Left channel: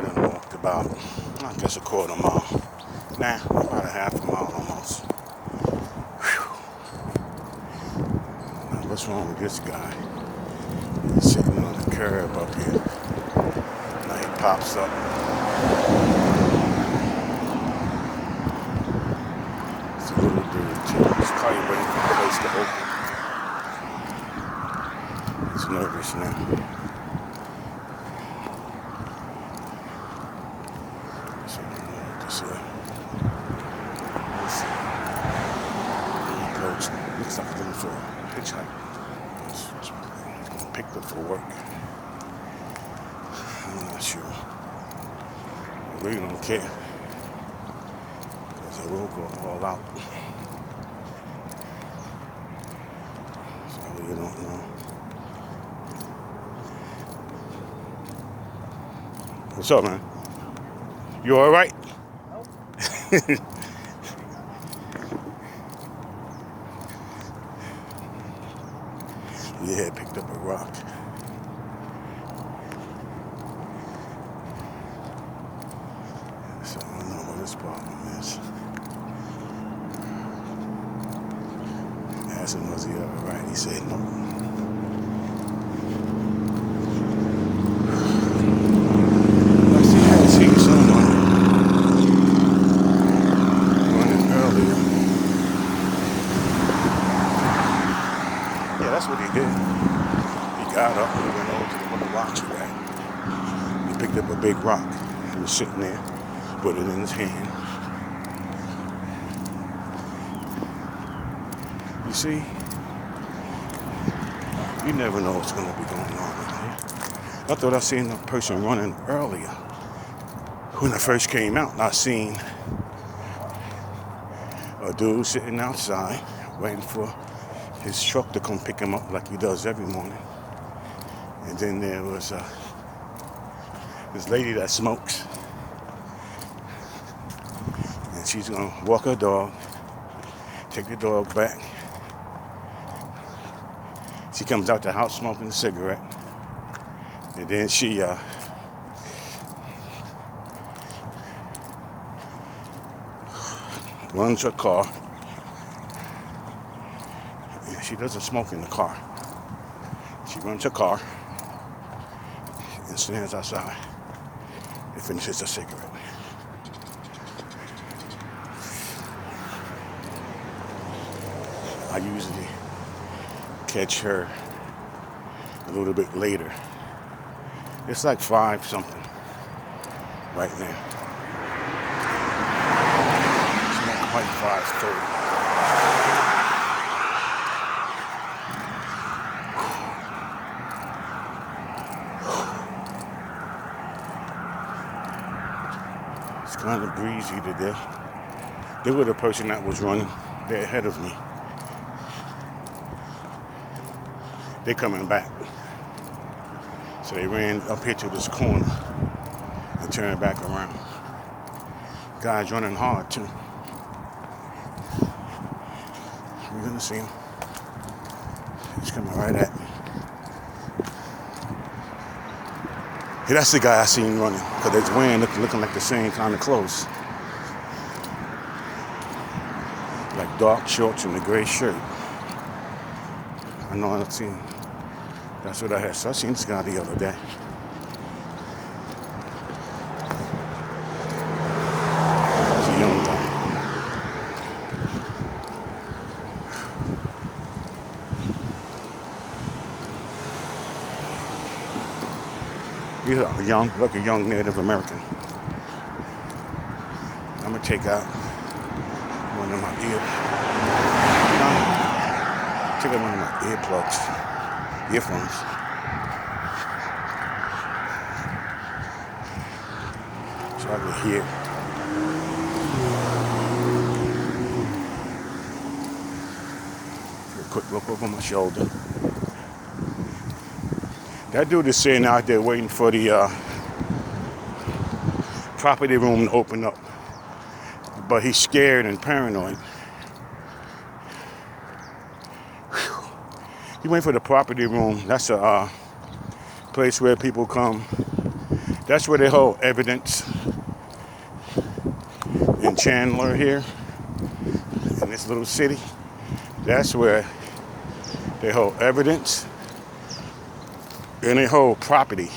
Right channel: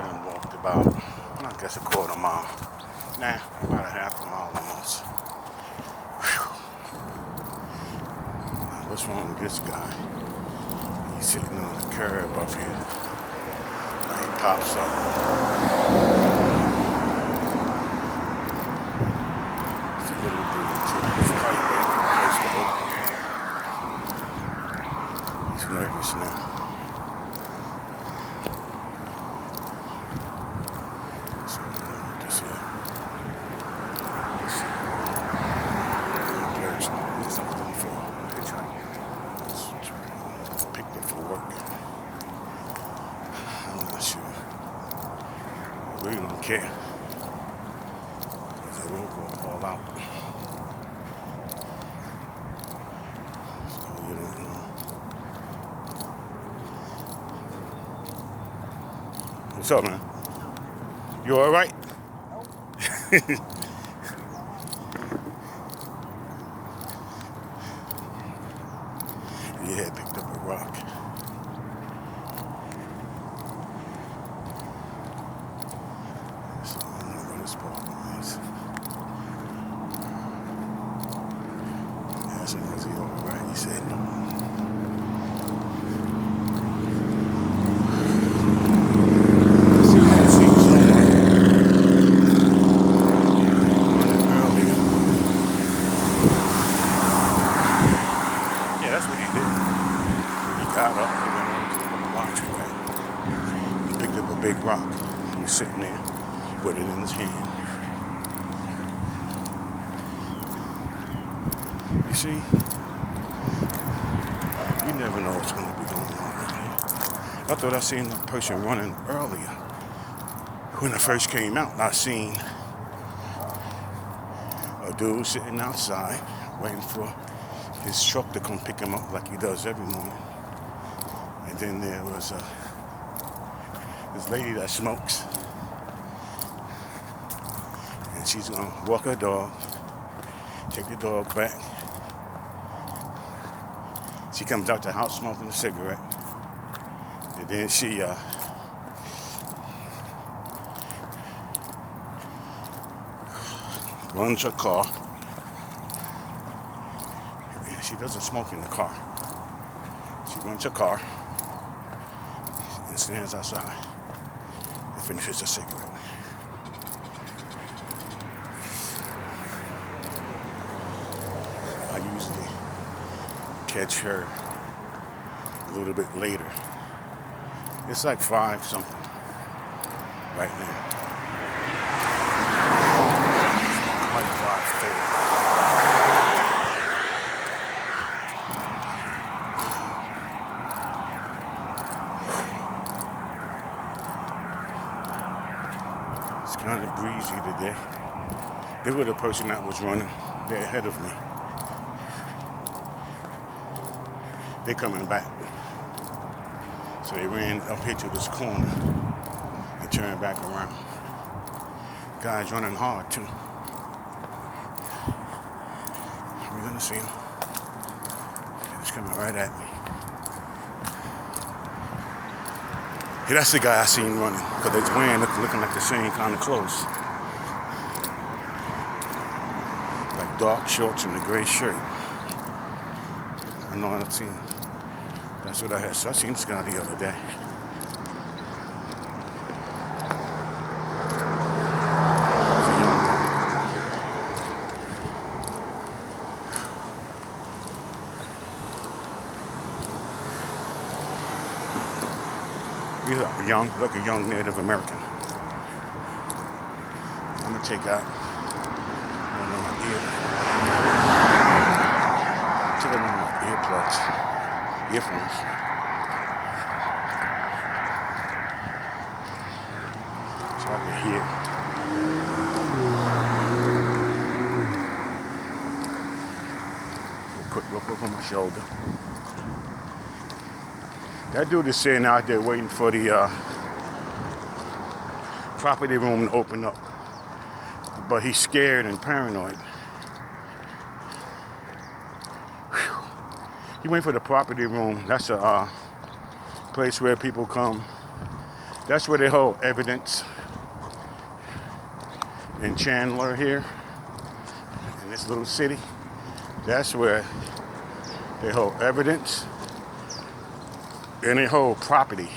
I done walked about, I guess a quarter mile. Nah, about a half a mile almost. What's wrong with this guy? He's sitting on the curb up here. Now he pops up. It's a little dude too. He's probably waiting for the place to open. He's nervous now. So this way. Looks like going for a hitchhike. He's picked up for work. I'm not sure. I really don't care. Because they will go all out. So I really don't know. What's up, man? You alright? Nope. Yeah, picked up a rock. So I don't know where this problem is. I asked him, was he alright? He said no. That's what he did. He got up and he went over to the watch away. He picked up a big rock. He was sitting there, put it in his hand. You see, you never know what's going to be going on. I thought I seen that person running earlier. When I first came out, I seen a dude sitting outside waiting for his truck to come pick him up like he does every morning. And then there was this lady that smokes. And she's going to walk her dog, take the dog back. She comes out the house smoking a cigarette. And then she runs her car. She doesn't smoke in the car. She runs her car and stands outside and finishes her cigarette. I usually catch her a little bit later. It's like 5 something right now. It's like 5:30. It's kind of breezy today. They were the person that was running. They're ahead of me. They're coming back. So they ran up here to this corner and turned back around. Guy's running hard too. We're gonna see. He's coming right at me. Hey, that's the guy I seen running, because they're wearing, looking like the same kind of clothes. Like dark shorts and a gray shirt. I know I've seen. That's what I had. So I seen this guy the other day. He's a young guy. He's like a young Native American. I'm gonna take out one of my earphones. So I can hear. A quick look over my shoulder. That dude is sitting out there waiting for the property room to open up. But he's scared and paranoid. He went for the property room. That's a place where people come That's where they hold evidence in Chandler here, in this little city. That's where they hold evidence and they hold property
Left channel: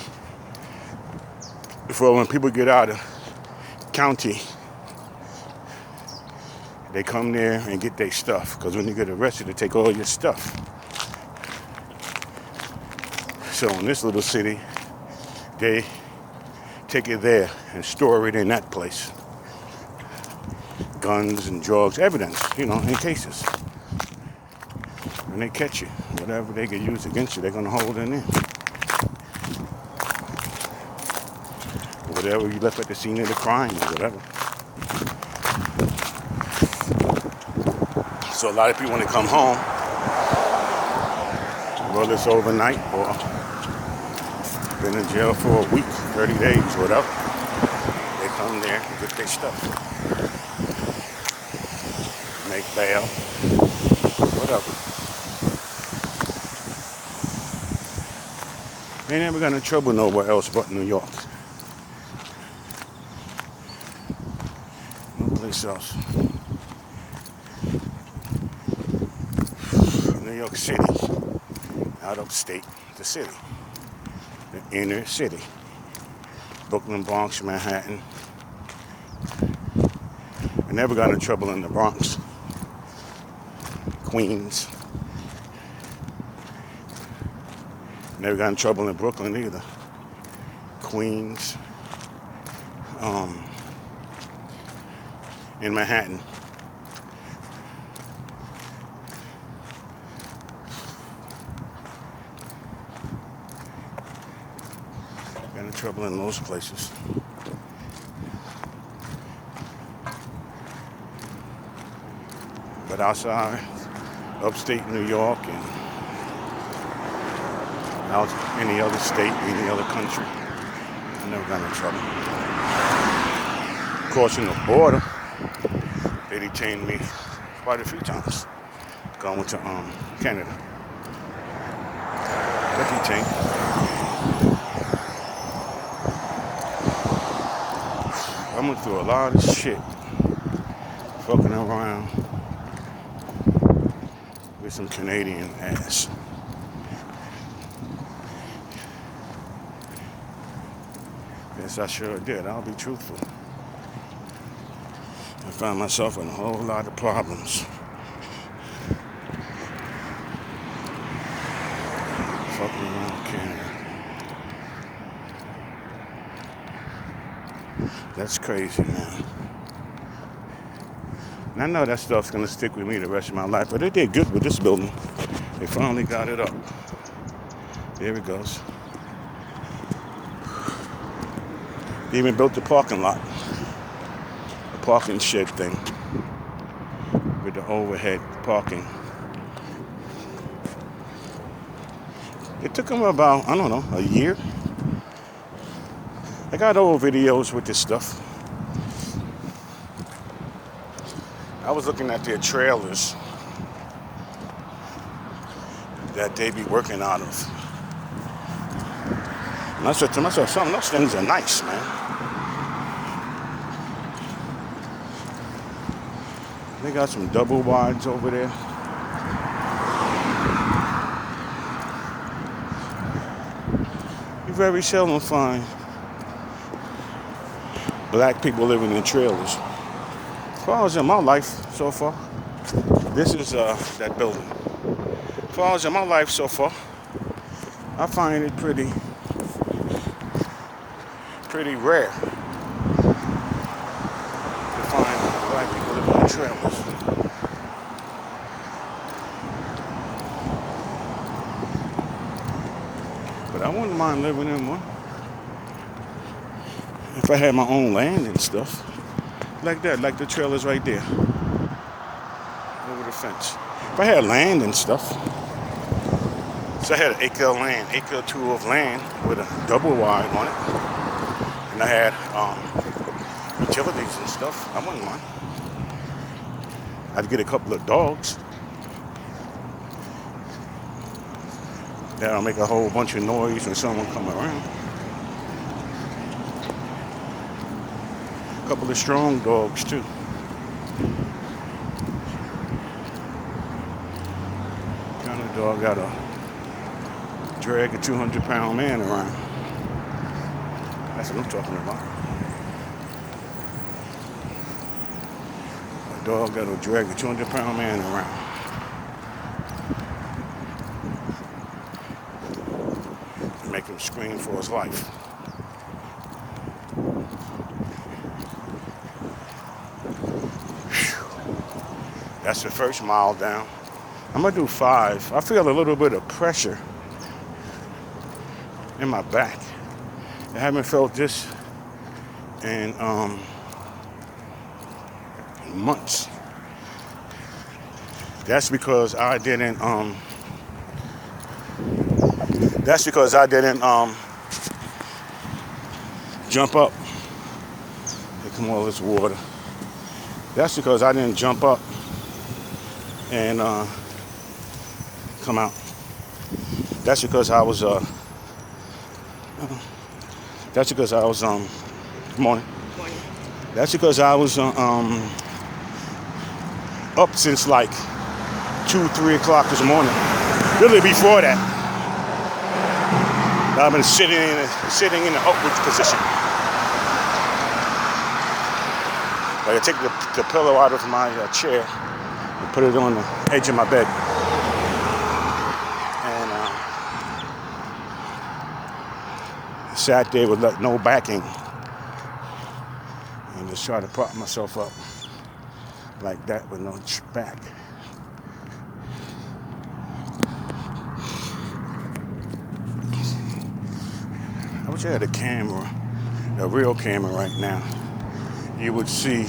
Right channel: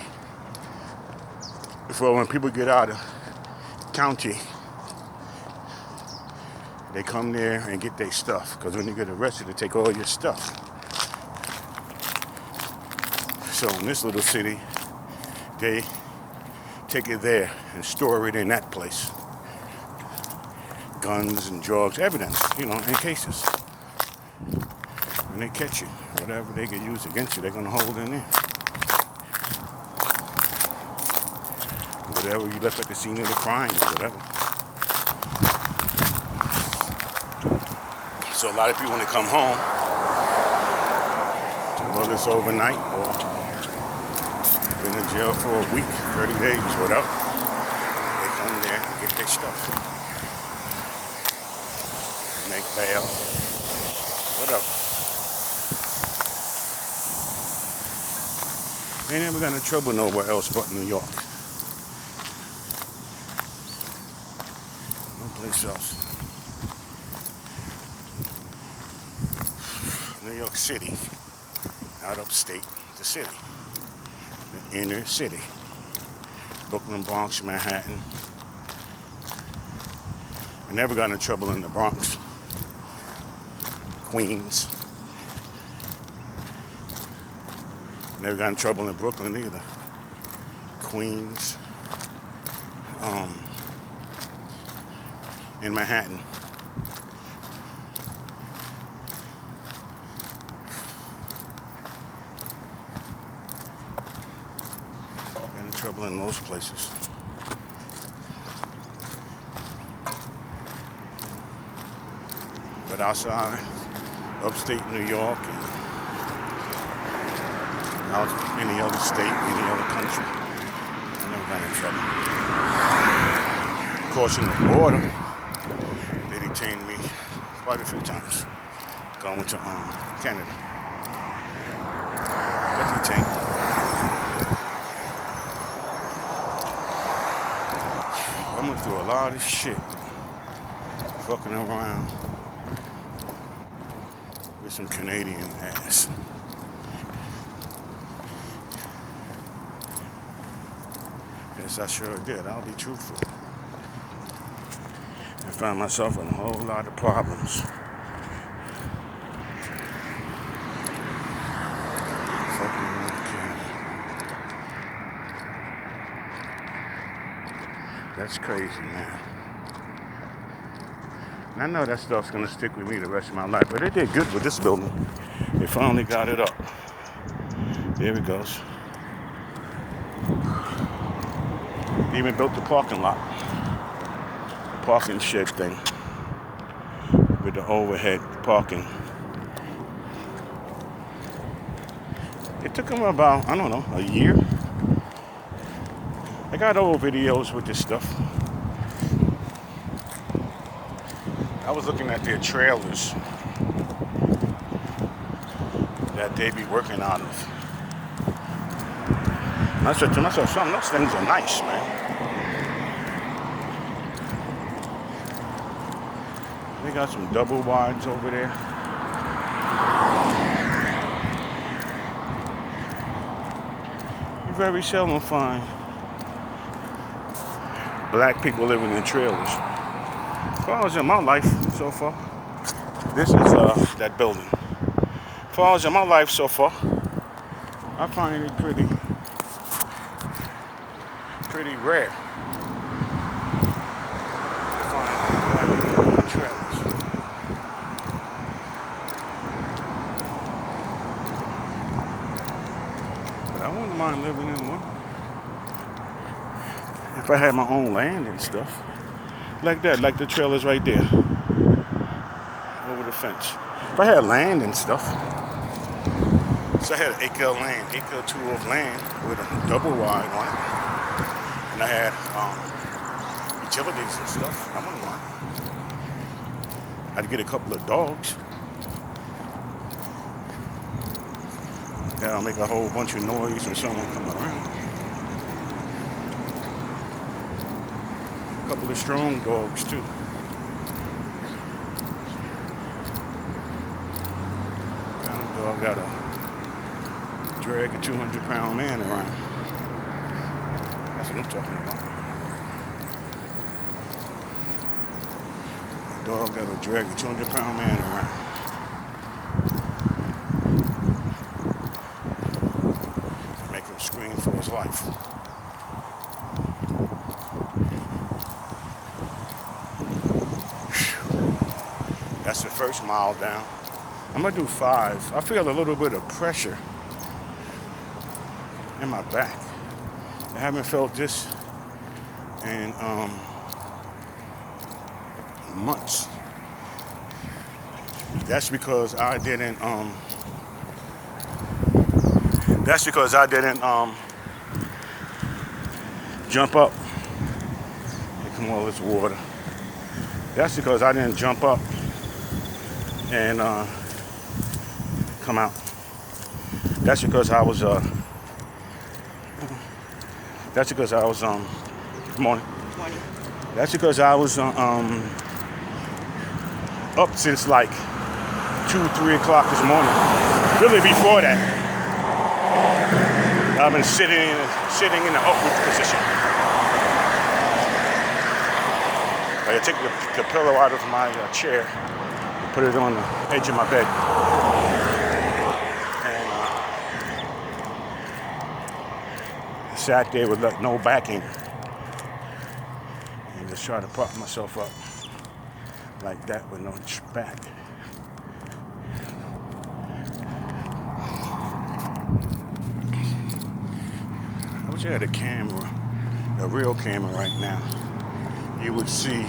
for when people get out of county. They come there and get their stuff, because when you get arrested, they take all your stuff. So in this little city, they take it there and store it in that place. Guns and drugs, evidence, in cases. When they catch you, whatever they can use against you, they're going to hold in there. Whatever you left at the scene of the crime or whatever. So a lot of people, when they come home, whether it's overnight or been in jail for a week, 30 days, whatever, they come there and get their stuff. Make bail, whatever. They never got in trouble nowhere else but New York. No place else. New York City, not upstate, the city, the inner city. Brooklyn, Bronx, Manhattan. I never got in trouble in the Bronx. Queens. Never got in trouble in Brooklyn either. Queens. In Manhattan. Got in trouble in those places. But outside, upstate New York and out any other state, any other country, I never got in trouble. Crossing the border, they detained me quite a few times. Going to Canada. Got detained. I went through a lot of shit. Fucking around with some Canadian ass. Yes, I sure did. I'll be truthful. I found myself in a whole lot of problems. Fucking around Canada. That's crazy, man. And I know that stuff's gonna stick with me the rest of my life, but they did good with this building. They finally got it up. There it goes. They even built the parking lot. The parking shed thing. With the overhead parking. It took them about, I don't know, a year. I got old videos with this stuff. I was looking at their trailers that they be working out of. And I said to myself, some of those things are nice, man. They got some double wides over there. You very seldom find black people living in trailers. As far as in my life so far, this is that building. As far as in my life so far, I find it pretty rare to find black people living in trailers. But I wouldn't mind living in one if I had my own land and stuff. Like that, like the trailers right there. Over the fence. If I had land and stuff. So I had an acre of land, acre or two of land with a double wide on it. And I had utilities and stuff. I wouldn't mind. I'd get a couple of dogs. That'll make a whole bunch of noise when someone come around. A couple of strong dogs too. Kind of dog got a drag a 200-pound man around. That's what I'm talking about. A dog got to drag a 200-pound man around. Make him scream for his life. That's the first mile down. I'm gonna do 5. I feel a little bit of pressure in my back. I haven't felt this in months. That's because I didn't jump up. Look at all this water. That's because I didn't jump up and come out. That's because I was good morning. That's because I was up since like 2-3 o'clock this morning. Really before that, I've been sitting in an upward position. I take the pillow out of my chair and put it on the edge of my bed. And sat there with no backing and just try to prop myself up like that with no back. I wish I had a camera, a real camera right now. You would see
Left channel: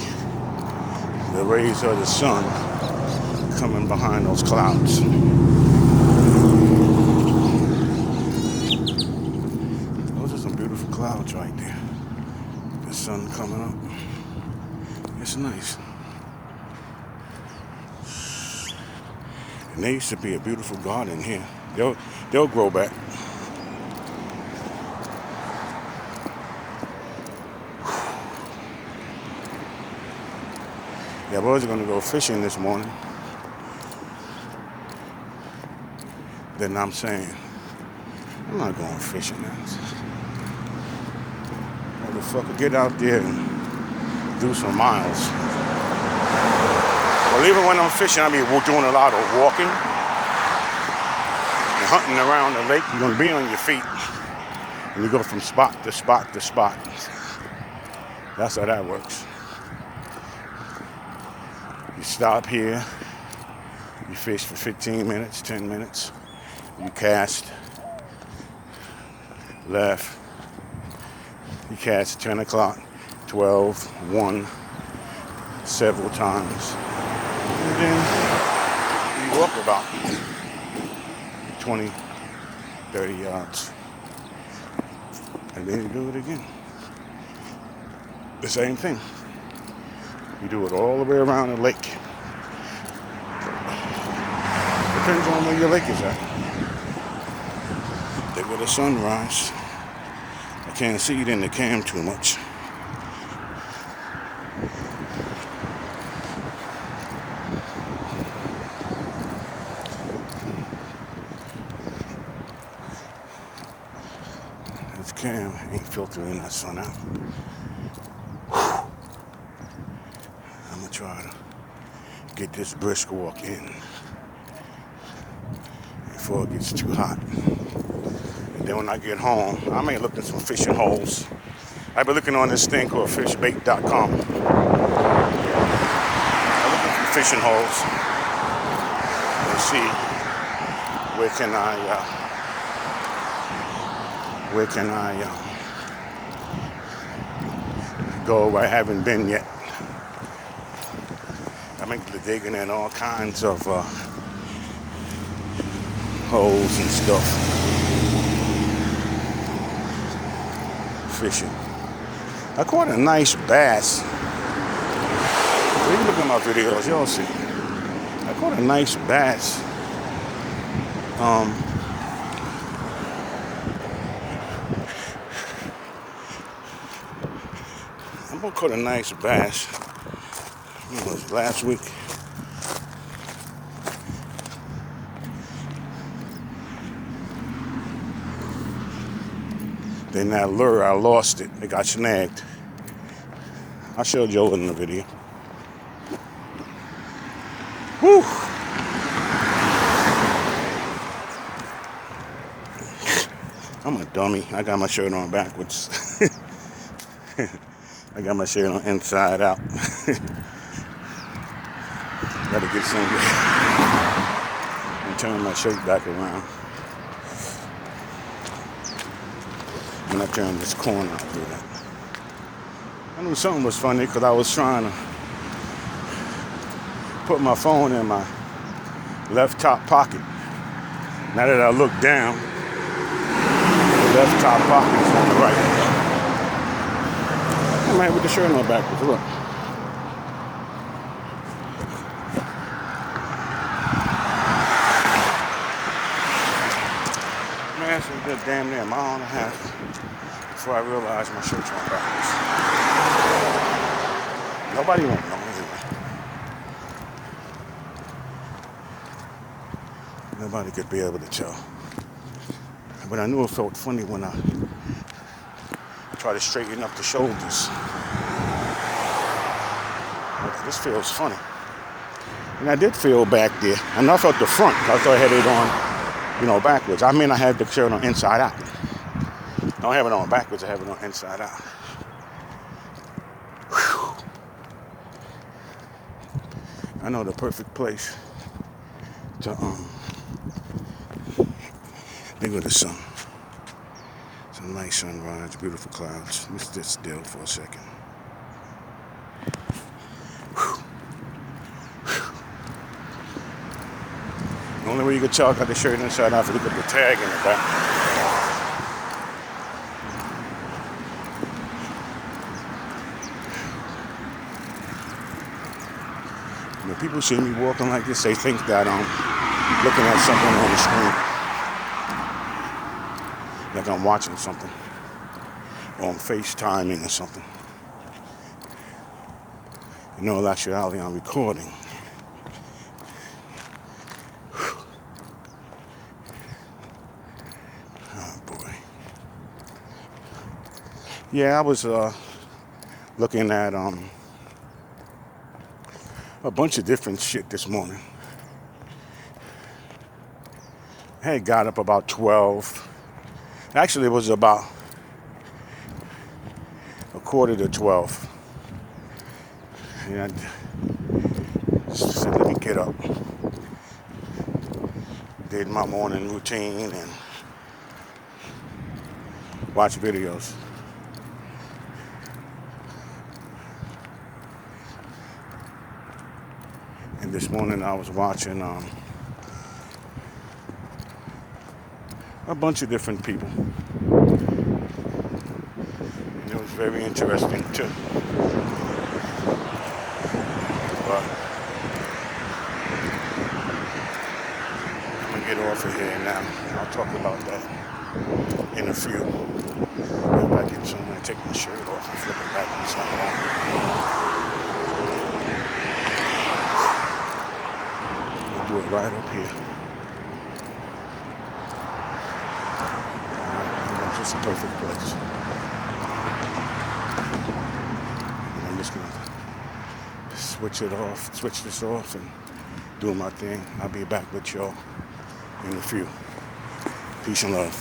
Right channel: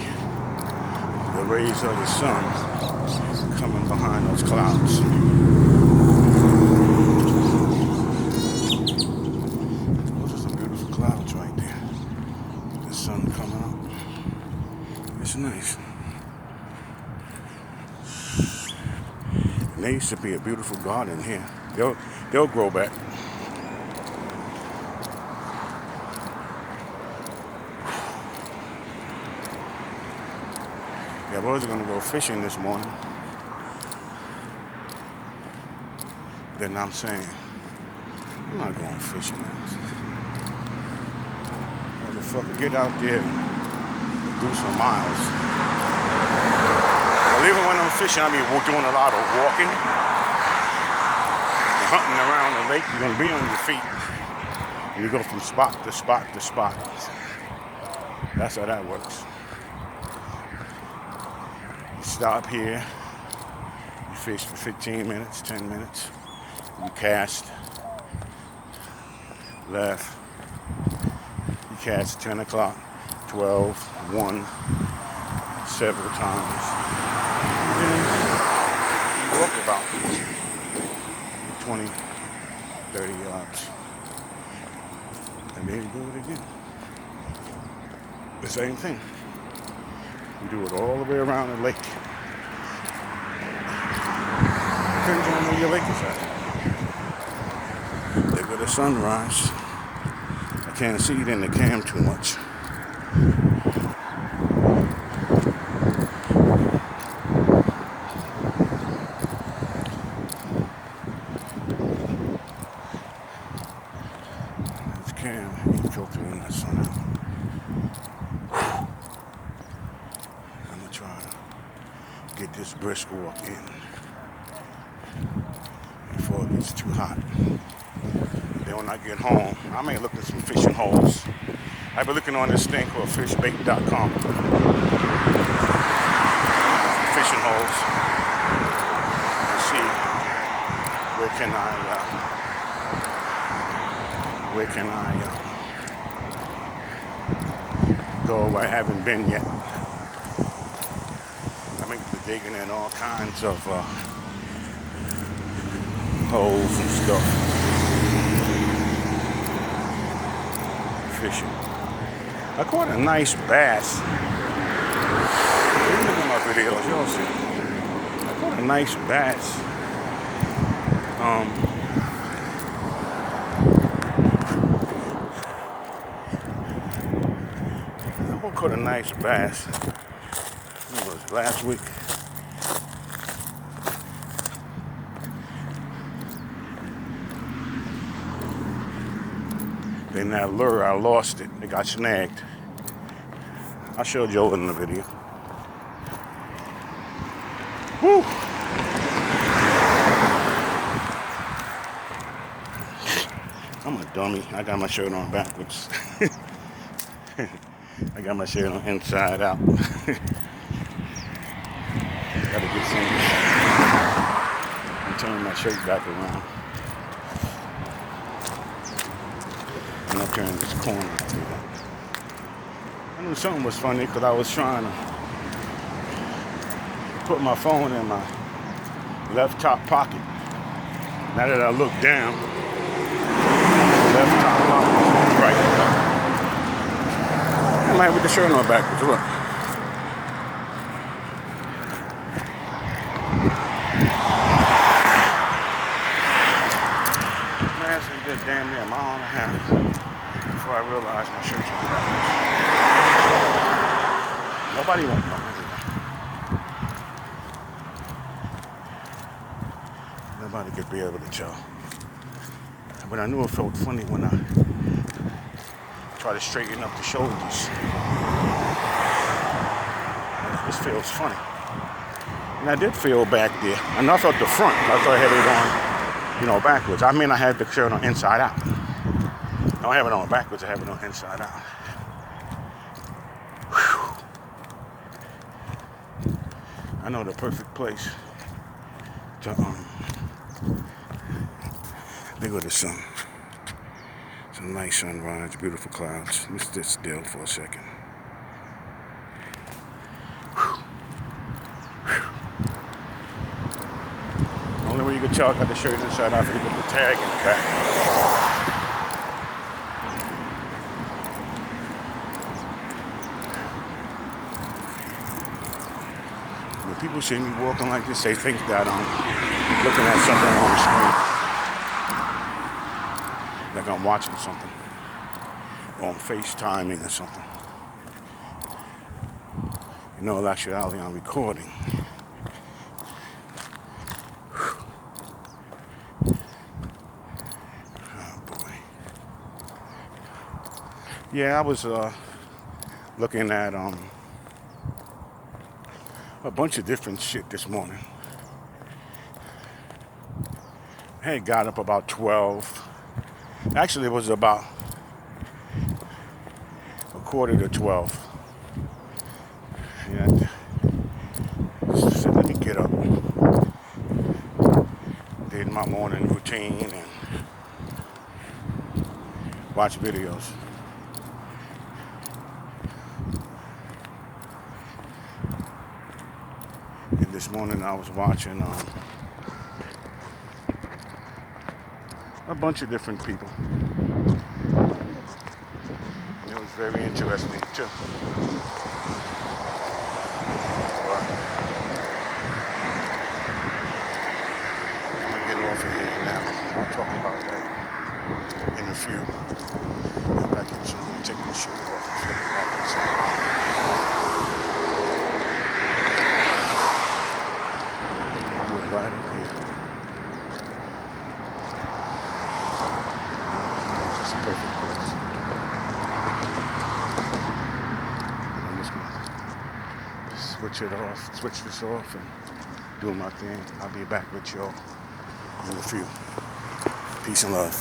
the rays of the sun coming behind those clouds. Those are some beautiful clouds right there. The sun coming up. It's nice. There used to be a beautiful garden here. They'll grow back. I was going to go fishing this morning. Then I'm saying, I'm not going fishing. Motherfucker, get out there and do some miles. Well, even when I'm fishing, I be doing a lot of walking and hunting around the lake. You're going to be on your feet. And you go from spot to spot to spot. That's how that works. Stop here, you fish for 15 minutes, 10 minutes, you cast, left, you cast 10 o'clock, 12, 1, several times, and then you walk about 20, 30 yards, and then you do it again. The same thing. We do it all the way around the lake. Depends on where your lake is at. Look at the sunrise. I can't see it in the cam too much. This cam ain't filtering that sun out. Try to get this brisk walk in before it gets too hot. Then when I get home, I may look at some fishing holes. I've been looking on this thing called fishbait.com. Fishing holes and see where can I go where I haven't been yet. I may be digging in all kinds of holes and stuff. Fishing. I caught a nice bass. If you look at my videos, you'll see. I caught a nice bass. I'm caught a nice bass. It was last week. Then that lure, I lost it. It got snagged. I showed you in the video. Whew. I'm a dummy. I got my shirt on backwards. I got my shirt on inside out. Gotta get some and turn my shirt back around. And I turned this corner. I knew something was funny because I was trying to put my phone in my left top pocket. Now that I look down, the left top pocket is on the right. I'm like with the shirt on backwards. Look. Man, that's a good damn near a mile and a half before I realized my shirt's on backwards. Nobody won't know anyway. Nobody could be able to tell. But I knew it felt funny when I tried to straighten up the shoulders. This feels funny. And I did feel back there. I know I felt the front. I thought I had it on, backwards. I mean, I had the shirt on inside out. I don't have it on backwards. I have it on inside out. Whew. I know the perfect place to there go the sun. It's a nice sunrise, beautiful clouds. Let's sit still for a second. Whew. Whew. The only way you can tell I got the shirt inside out is to look at the tag in the back. When people see me walking like this, they think that I'm looking at something on the screen. Like I'm watching something on FaceTiming or something. In all actuality, I'm recording. Oh boy. Yeah, I was looking at a bunch of different shit this morning. I had got up about 12. Actually, it was about 11:45. And so let me get up. Did my morning routine and watch videos. And this morning I was watching a bunch of different people. And it was very interesting too. But I'm gonna get off of here now. I'll talk about that in a few. If I get someone to take my shirt off and flip it back and say, I'll do it right up here. It's a perfect place. And I'm just gonna switch this off and do my thing. I'll be back with y'all in a few. Peace and love.